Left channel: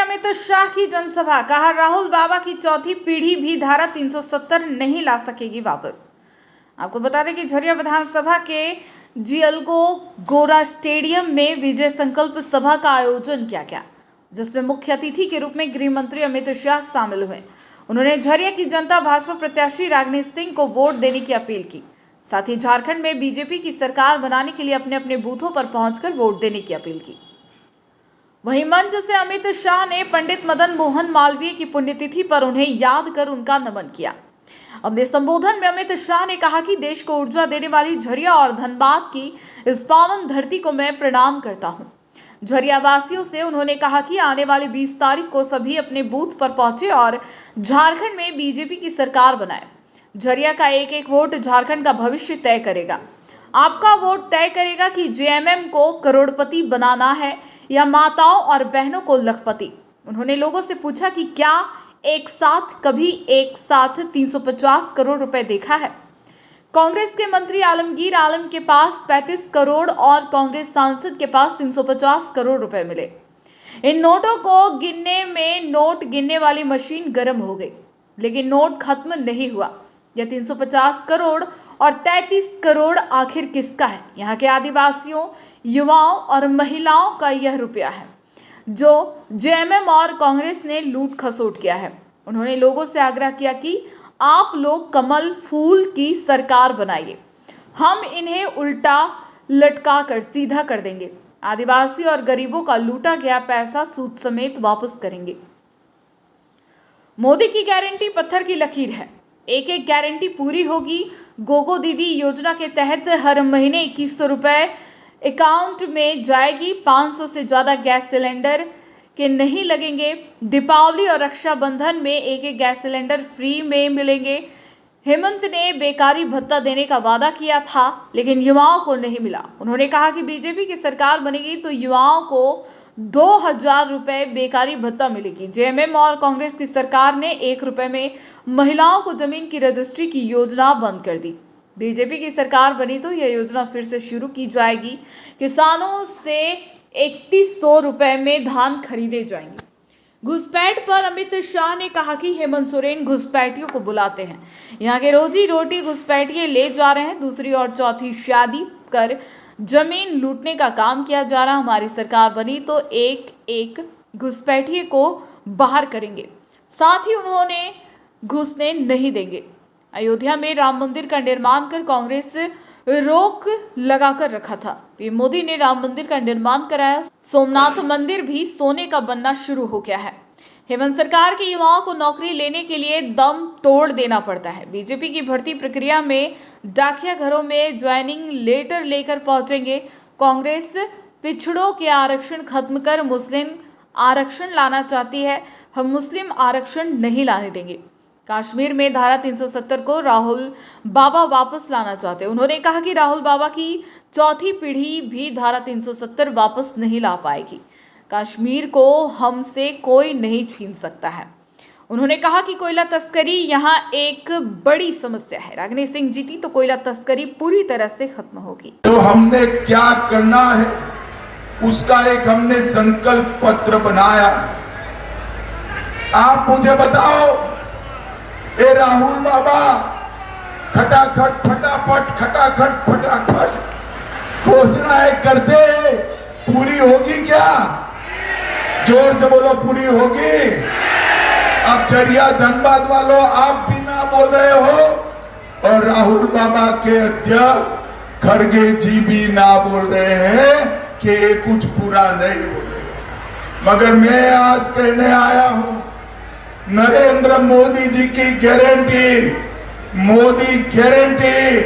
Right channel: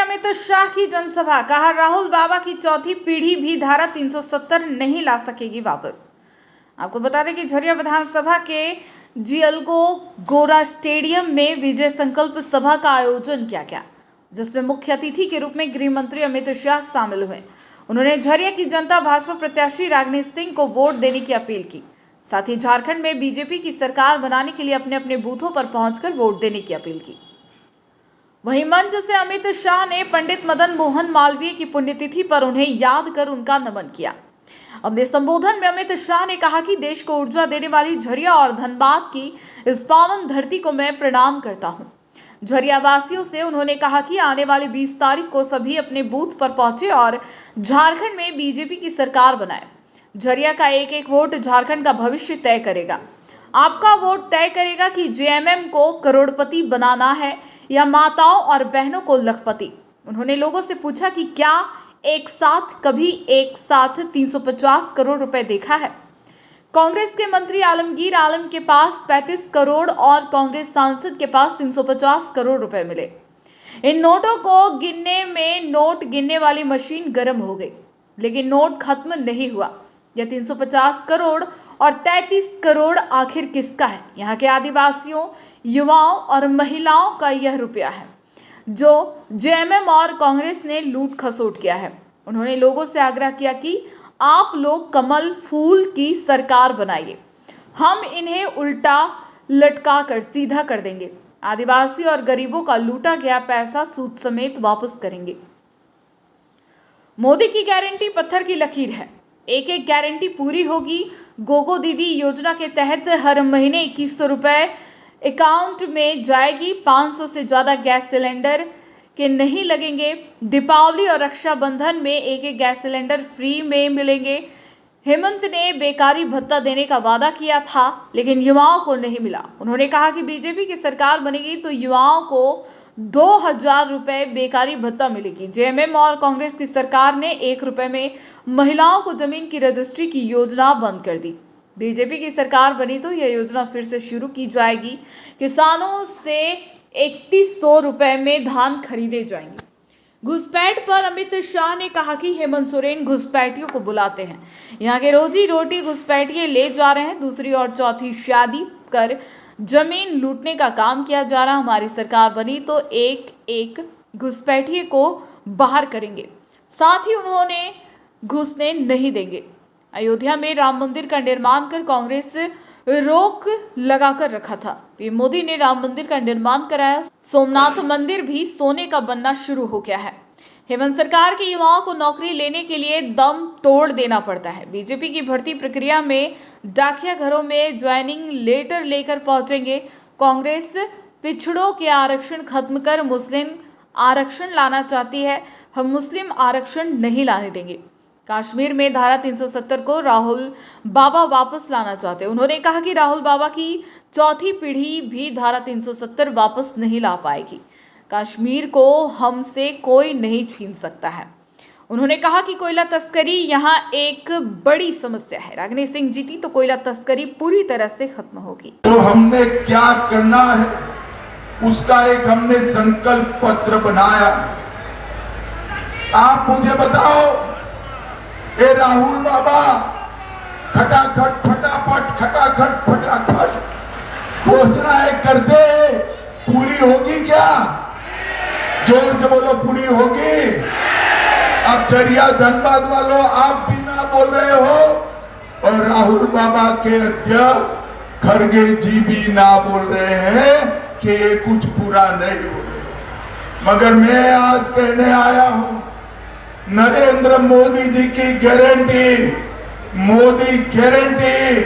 अमित शाह की जनसभा, कहा राहुल बाबा की चौथी पीढ़ी भी धारा 370 नहीं ला सकेगी वापस। आपको बता दें कि झरिया विधानसभा के जियलगो गोरा स्टेडियम में विजय संकल्प सभा का आयोजन किया गया, जिसमें मुख्य अतिथि के रूप में गृह मंत्री अमित शाह शामिल हुए। उन्होंने झरिया की जनता भाजपा प्रत्याशी रागिनी सिंह को वोट देने की अपील की। साथ ही झारखंड में बीजेपी की सरकार बनाने के लिए अपने अपने बूथों पर पहुंचकर वोट देने की अपील की। वहीं मंच से अमित शाह ने पंडित मदन मोहन मालवीय की पुण्यतिथि पर उन्हें याद कर उनका नमन किया। अपने संबोधन में अमित शाह ने कहा कि देश को ऊर्जा देने वाली झरिया और धनबाद की इस पावन धरती को मैं प्रणाम करता हूं। झरिया वासियों से उन्होंने कहा कि आने वाली 20 तारीख को सभी अपने बूथ पर पहुंचे और झारखंड में बीजेपी की सरकार बनाए। झरिया का एक एक वोट झारखंड का भविष्य तय करेगा। आपका वोट तय करेगा कि जेएमएम को करोड़पति बनाना है या माताओं और बहनों को लखपति। उन्होंने लोगों से पूछा कि क्या कभी एक साथ 350 करोड़ रुपए देखा है। कांग्रेस के मंत्री आलमगीर आलम के पास 35 करोड़ और कांग्रेस सांसद के पास 350 करोड़ रुपए मिले। इन नोटों को गिनने में नोट गिनने वाली मशीन गर्म हो गई, लेकिन नोट खत्म नहीं हुआ। यह 350 करोड़ और 33 करोड़ आखिर किसका है? यहाँ के आदिवासियों, युवाओं और महिलाओं का यह रुपया है जो जेएमएम और कांग्रेस ने लूट खसोट किया है। उन्होंने लोगों से आग्रह किया कि आप लोग कमल फूल की सरकार बनाइए, हम इन्हें उल्टा लटका कर सीधा कर देंगे। आदिवासी और गरीबों का लूटा गया पैसा सूद समेत वापस करेंगे। मोदी की गारंटी पत्थर की लकीर है, एक एक गारंटी पूरी होगी। गोगो दीदी योजना के तहत हर महीने 2100 रुपए अकाउंट में जाएगी। 500 से ज्यादा गैस सिलेंडर के नहीं लगेंगे। दीपावली और रक्षाबंधन में एक एक गैस सिलेंडर फ्री में मिलेंगे। हेमंत ने बेकारी भत्ता देने का वादा किया था, लेकिन युवाओं को नहीं मिला। उन्होंने कहा कि बीजेपी की सरकार बनेगी तो युवाओं को 2000 रुपए बेकारी भत्ता मिलेगी। जेएमएम और कांग्रेस की सरकार ने 1 रुपए में महिलाओं को जमीन की रजिस्ट्री की योजना बंद कर दी। बीजेपी की सरकार बनी तो यह योजना फिर से शुरू की जाएगी। किसानों से 3100 रुपए में धान खरीदे जाएंगे। घुसपैठ पर अमित शाह ने कहा कि हेमंत सोरेन घुसपैठियों को बुलाते हैं, यहाँ के रोजी रोटी घुसपैठिए ले जा रहे हैं। दूसरी और चौथी शादी कर जमीन लूटने का काम किया जा रहा। हमारी सरकार बनी तो एक एक घुसपैठिए को बाहर करेंगे, साथ ही उन्होंने घुसने नहीं देंगे। अयोध्या में राम मंदिर का निर्माण कर कांग्रेस रोक लगाकर रखा था। पीएम मोदी ने राम मंदिर का निर्माण कराया। सोमनाथ मंदिर भी सोने का बनना शुरू हो गया है। हेमंत सरकार के युवाओं को नौकरी लेने के लिए दम तोड़ देना पड़ता है। बीजेपी की भर्ती प्रक्रिया में डाकिया घरों में ज्वाइनिंग लेटर लेकर पहुंचेंगे। कांग्रेस पिछड़ों के आरक्षण खत्म कर मुस्लिम आरक्षण लाना चाहती है। हम मुस्लिम आरक्षण नहीं लाने देंगे। कश्मीर में धारा 370 को राहुल बाबा वापस लाना चाहते हैं। उन्होंने कहा कि राहुल बाबा की चौथी पीढ़ी भी धारा 370 वापस नहीं ला पाएगी। कश्मीर को हमसे कोई नहीं छीन सकता है। उन्होंने कहा कि कोयला तस्करी यहाँ एक बड़ी समस्या है। रागिनी सिंह जीती तो कोयला तस्करी पूरी तरह से खत्म होगी। तो हमने क्या करना है उसका एक हमने संकल्प पत्र बनाया। आप मुझे बताओ, ए राहुल बाबा, खटाखट फटाफट घोषणाएं करते पूरी होगी क्या? जोर से बोलो, पूरी होगी? अब झरिया धनबाद वालों, आप भी ना बोल रहे हो और राहुल बाबा के अध्यक्ष खड़गे जी भी ना बोल रहे हैं कि ये कुछ पूरा नहीं हो रहा। मगर मैं आज कहने आया हूं, नरेंद्र मोदी जी की गारंटी, मोदी गारंटी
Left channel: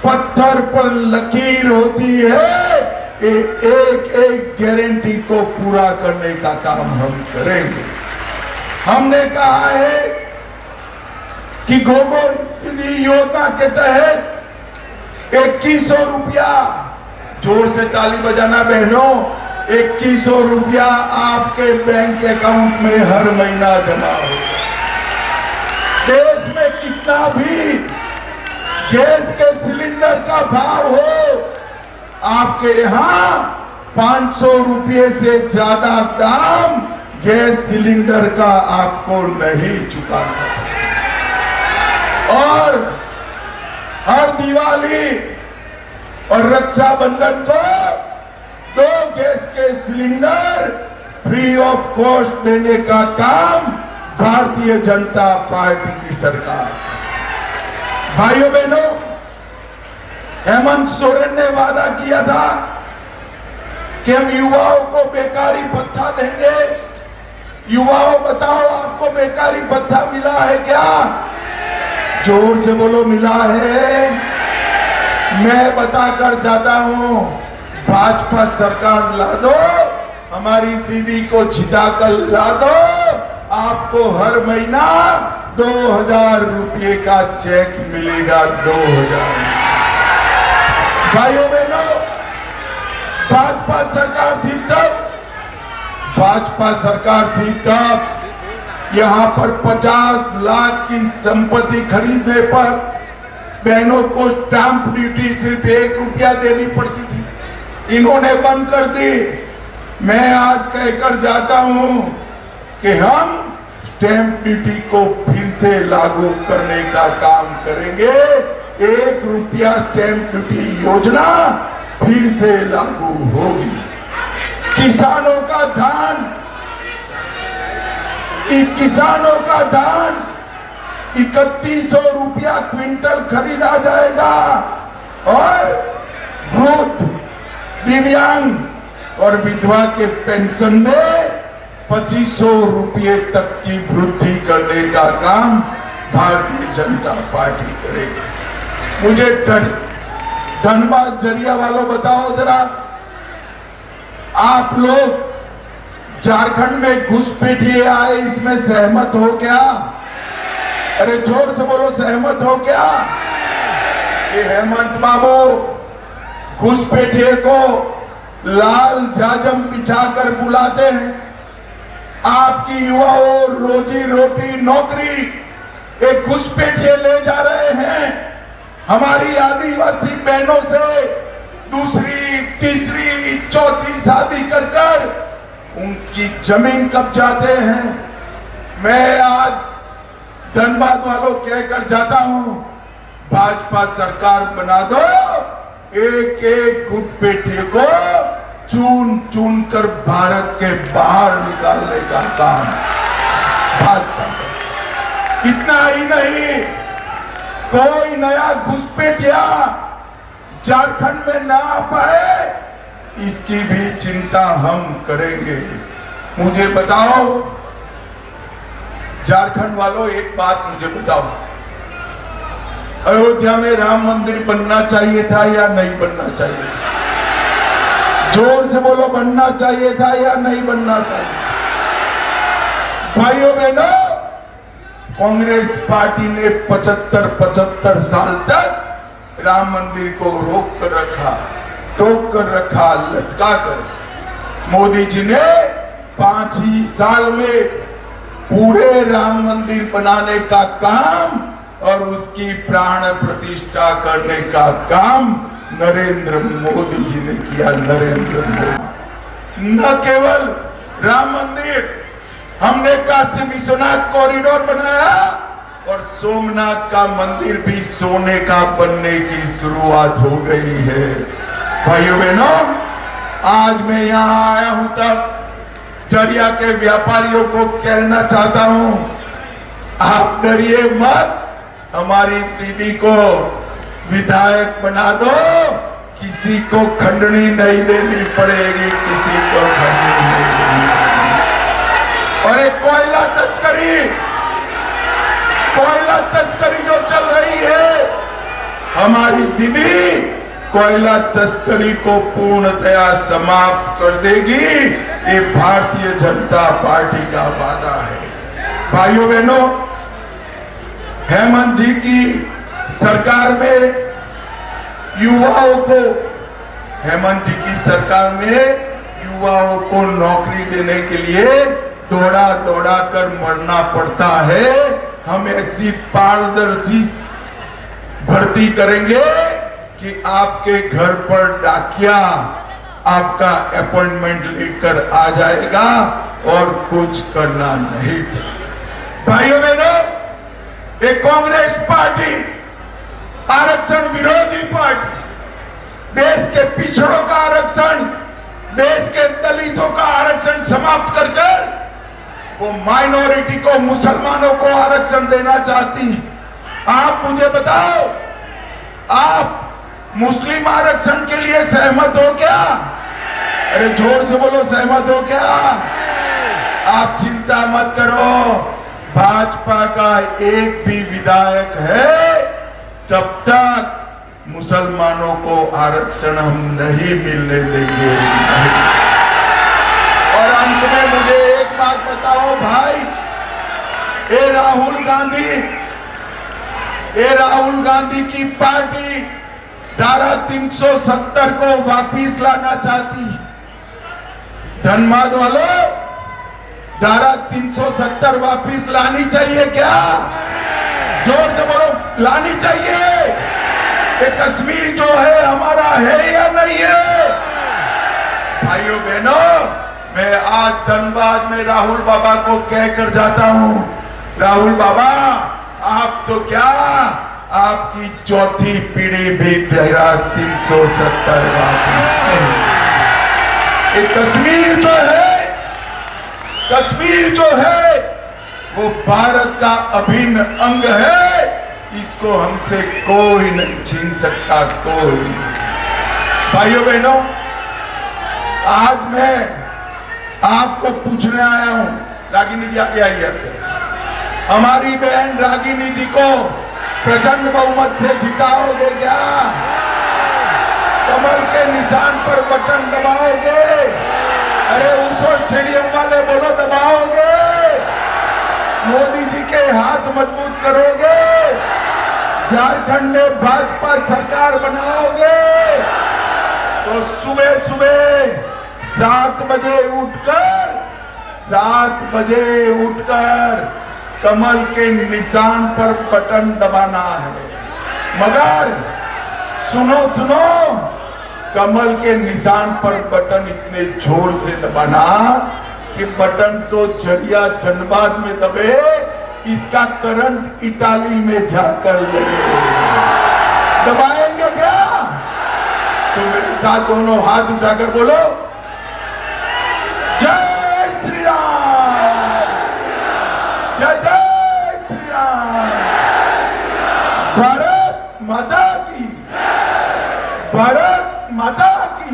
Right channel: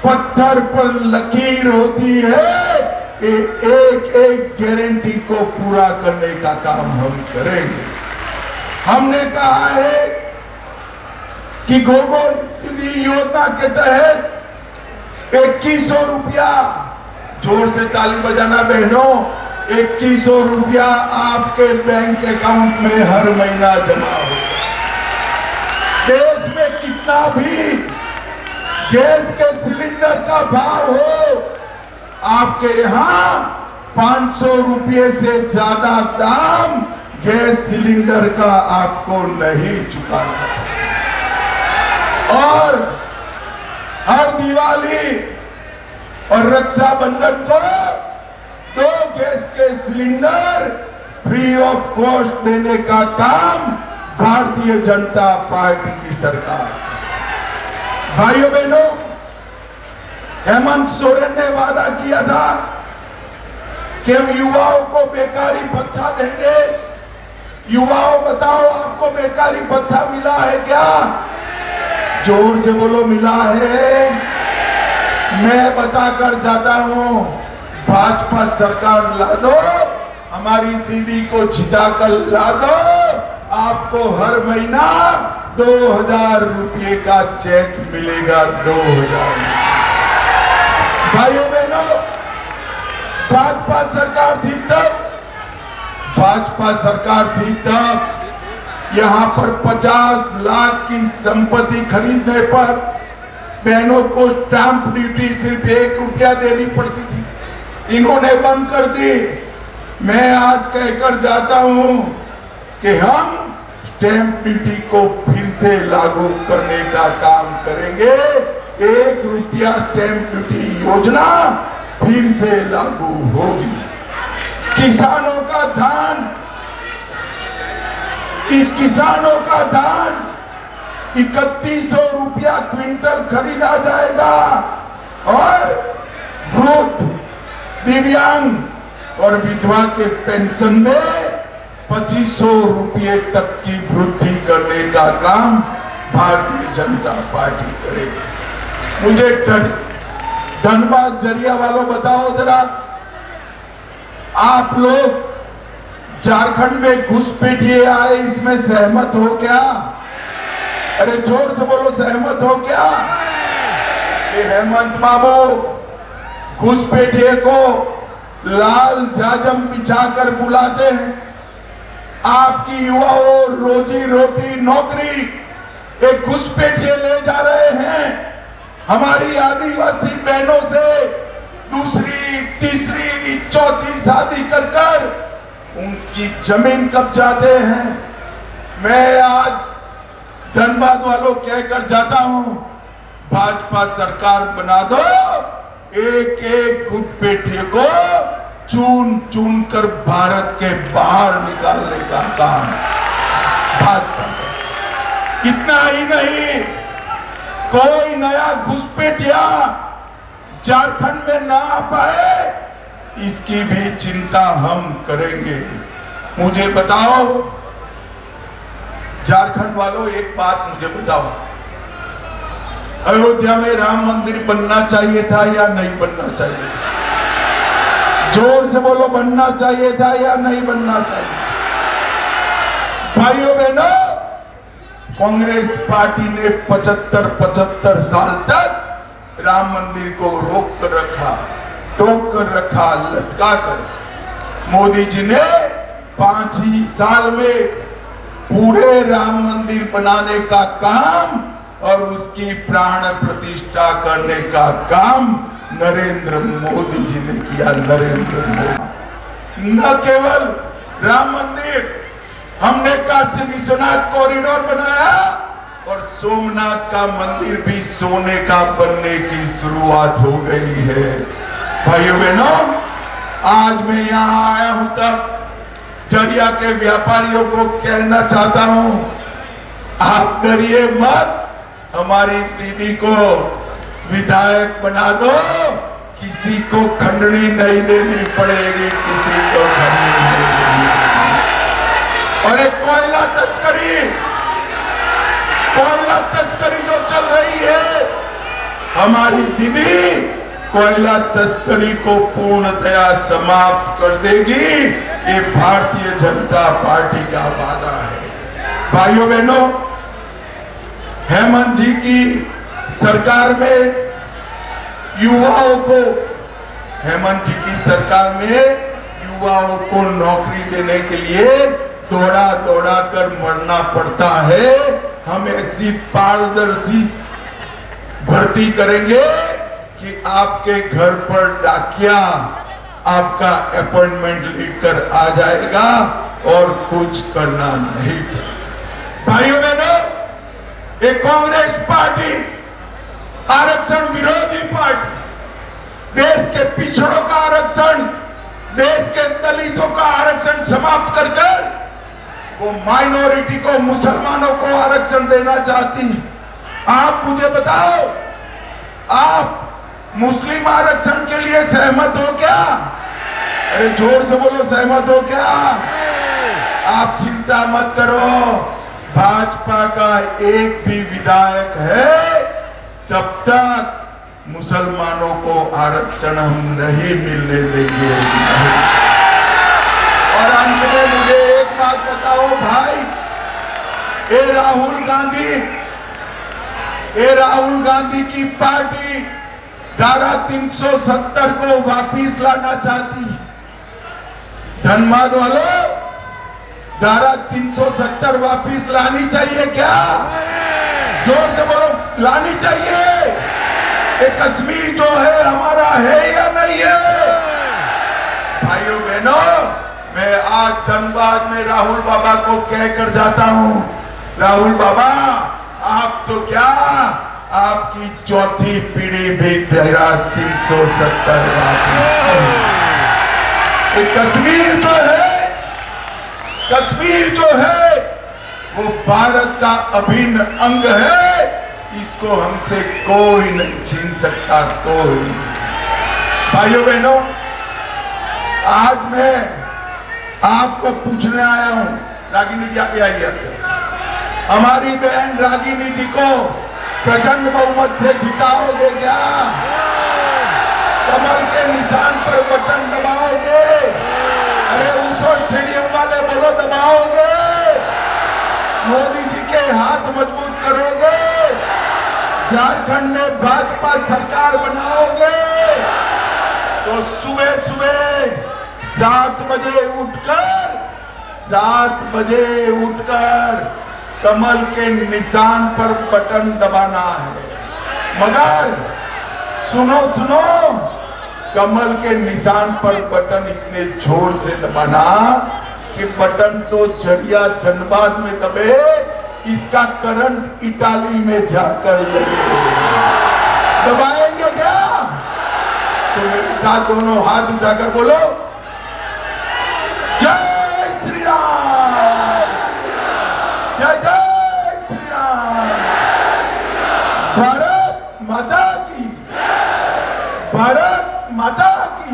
पत्थर पर लकीर होती है। एक एक गारंटी को पूरा करने का काम हम करेंगे। हमने कहा है कि गोगो दीदी योजना के तहत 2100 रुपया, जोर से ताली बजाना बहनों, 2100 रुपया आपके बैंक अकाउंट में हर महीना जमा हो। देश में कितना भी गैस के सिलेंडर का भाव हो, आपके यहाँ 500 रुपये से ज्यादा दाम गैस सिलेंडर का आपको नहीं चुकाना। और हर दिवाली और रक्षाबंधन को 2 गैस के सिलेंडर फ्री ऑफ कॉस्ट देने का काम भारतीय जनता पार्टी की सरकार। भाइयों बहनों, हेमंत सोरेन ने वादा किया था कि हम युवाओं को बेकारी भत्ता देंगे। युवाओं बताओ, आपको बेकारी भत्ता मिला है क्या? जोर से बोलो, मिला है? मैं बताकर जाता हूं, भाजपा सरकार ला दो, हमारी दीदी को छिटाकर ला दो, आपको हर महीना 2000 रुपये का चेक मिलेगा। 2000। भाइयों बहनों, भाजपा सरकार थी तब, भाजपा सरकार थी तब यहां पर 50 लाख की संपत्ति खरीदने पर बहनों को स्टाम्प ड्यूटी सिर्फ 1 रुपया देनी पड़ती थी। इन्होंने बंद कर दी। मैं आज कहकर जाता हूं कि हम स्टैंप ड्यूटी को फिर से लागू करने का काम करेंगे। 1 रुपया स्टैंप ड्यूटी योजना फिर से लागू होगी। किसानों का धान 3100 रुपया क्विंटल खरीदा जाएगा और वृद्ध, दिव्यांग और विधवा के पेंशन में 2500 रुपये तक की वृद्धि करने का काम भारतीय जनता पार्टी करेगी। मुझे धनबाद जरिया वालों बताओ जरा, आप लोग झारखंड में घुसपैठिए आए, इसमें सहमत हो क्या? अरे जोर से बोलो, सहमत हो क्या? ये हेमंत बाबू घुसपैठिए को लाल जाजम बिछाकर बुलाते हैं। आपकी युवाओं रोजी रोटी नौकरी एक घुसपैठिए ले जा रहे हैं। हमारी आदिवासी बहनों से दूसरी, तीसरी, चौथी शादी कर कर उनकी जमीन कब्जाते हैं। मैं आज धनबाद वालों कहकर जाता हूं, भाजपा सरकार बना दो, एक एक घुसपैठिए को चुन चुन कर भारत के बाहर निकालने का काम भाजपा से। इतना ही नहीं, कोई नया घुसपैठिया झारखंड में ना आ पाए, इसकी भी चिंता हम करेंगे। मुझे बताओ झारखंड वालों, एक बात मुझे बताओ, अयोध्या में राम मंदिर बनना चाहिए था या नहीं बनना चाहिए? जोर से बोलो, बनना चाहिए था या नहीं बनना चाहिए? भाइयों बहनों, कांग्रेस पार्टी ने 75 साल तक राम मंदिर को रोक कर रखा, टोक कर रखा, लटका कर। मोदी जी ने 5 ही साल में पूरे राम मंदिर बनाने का काम और उसकी प्राण प्रतिष्ठा करने का काम नरेंद्र मोदी जी ने किया। नरेंद्र मोदी न केवल राम मंदिर, हमने काशी विश्वनाथ कॉरिडोर बनाया और सोमनाथ का मंदिर भी सोने का बनने की शुरुआत हो गई है। भाइयों बहनों, आज मैं यहां आया हूं तब जरिया के व्यापारियों को कहना चाहता हूं, आप डरिए मत, हमारी दीदी को विधायक बना दो, किसी को खंडनी नहीं देनी पड़ेगी, किसी को खंडनी नहीं देनी पड़ेगी। और एक कोयला तस्करी जो चल रही है, हमारी दीदी कोयला तस्करी को पूर्णतया समाप्त कर देगी। ये भारतीय जनता पार्टी का वादा है। भाइयों बहनों, हेमंत जी की सरकार में युवाओं को, हेमंत जी की सरकार में युवाओं को नौकरी देने के लिए दौड़ा दौड़ा कर मरना पड़ता है। हम ऐसी पारदर्शी भर्ती करेंगे कि आपके घर पर डाकिया आपका अपॉइंटमेंट लेकर आ जाएगा और कुछ करना नहीं। भाइयों बहनों, एक कांग्रेस पार्टी आरक्षण विरोधी पार्टी, देश के पिछड़ों का आरक्षण, देश के दलितों का आरक्षण समाप्त कर कर वो माइनॉरिटी को, मुसलमानों को आरक्षण देना चाहती। आप मुझे बताओ, आप मुस्लिम आरक्षण के लिए सहमत हो क्या? अरे जोर से बोलो, सहमत हो क्या? आप चिंता मत करो, भाजपा का एक भी विधायक है जब तक मुसलमानों को आरक्षण हम नहीं मिलने देंगे। और अंत में मुझे एक बात बताओ भाई, ये राहुल गांधी की पार्टी धारा 370 को वापिस लाना चाहती। धनबाद वालों, धारा 370 वापिस लानी चाहिए क्या? जोर से बोलो, लानी चाहिए। ये कश्मीर जो है हमारा है या नहीं है? भाइयों बहनों, मैं आज धनबाद में राहुल बाबा को कहकर जाता हूं, राहुल बाबा आप तो क्या, आपकी चौथी पीढ़ी भी धारा 370 कश्मीर जो है वो भारत का अभिन्न अंग है, इसको हमसे कोई नहीं छीन सकता, कोई। भाइयों बहनों, आज मैं आपको पूछने आया हूं, रागिनी जी आगे आइए। हमारी बहन रागिनी जी को प्रचंड बहुमत से जिताओगे क्या? कमल के निशान पर बटन दबाओगे? अरे ऊसो स्टेडियम वाले बोलो, दबाओगे? मोदी जी के हाथ मजबूत करोगे? झारखंड में भाजपा सरकार बनाओगे? तो सुबह सुबह 7 बजे उठकर कमल के निशान पर बटन दबाना है। मगर सुनो, कमल के निशान पर बटन इतने जोर से दबाना कि बटन तो जरिया धनबाद में दबे, इसका करंट इटाली में जाकर लगे। दबाएंगे क्या? तो मेरे साथ दोनों हाथ उठाकर बोलो, जय श्री राम, जय जय श्री राम, भारत माता की, भारत माता की।